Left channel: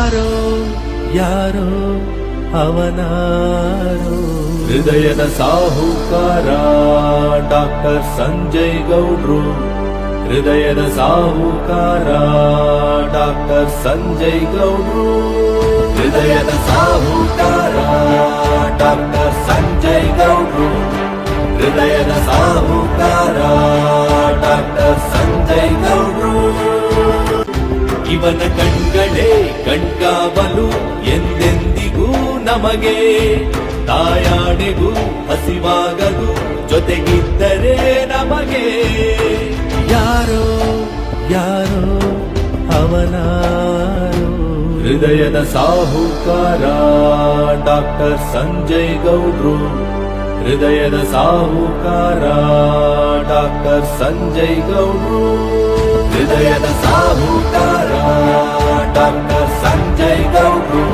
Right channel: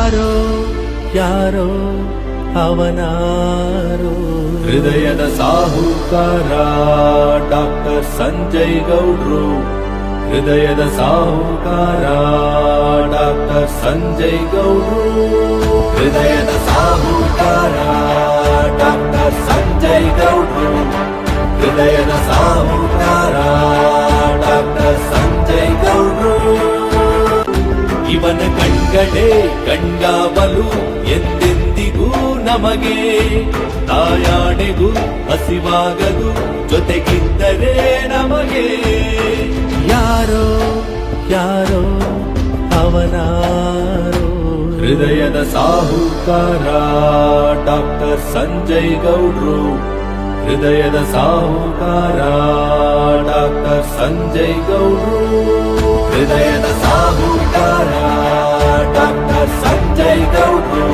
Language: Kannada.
ಯಾರೋ ಯಾರೋ ಅವನಾರೋ ಹೃದಯದ ಸಾಹುಕಾರ ಡಾಕ್ಟರ್ ಸಂಜಯ್ ಗೌಡ್ರು ಹೃದಯದ ಸಾಹುಕಾರ ಡಾಕ್ಟರ್ ಸಂಜಯ್ ಗೌಡ್ರು ಹೃದಯದ ಸಾಹುಕಾರ ಡಾಕ್ಟರ್ ಸಂಜಯ್ ಗೌಡ್ರು ಹೃದಯದ ಸಾಹುಕಾರ ಡಾಕ್ಟರ್ ಸಂಜಯ್ ಗೌಡ್ರು ಇವನ ಕಣ್ಗಡೆ ಕಣ್ಗಾವಲು ಎಂದೆಂದಿಗೂ ನಮಗೆ ತಾಯಾಣೆಗೂ ಹಸಿವಾಗದು ಜೊತೆಗಿದ್ದರೆ ನಮಗೆ ಯಾರೋ ಯಾರೋ ಅವನಾರೋ ಹೃದಯದ ಸಾಹುಕಾರ ಡಾಕ್ಟರ್ ಸಂಜಯ್ ಗೌಡ್ರು ಹೃದಯದ ಸಾಹುಕಾರ ಡಾಕ್ಟರ್ ಸಂಜಯ್ ಗೌಡ್ರು ಹೃದಯದ ಸಾಹುಕಾರ ಡಾಕ್ಟರ್ ಸಂಜಯ್ ಗೌಡ್ರು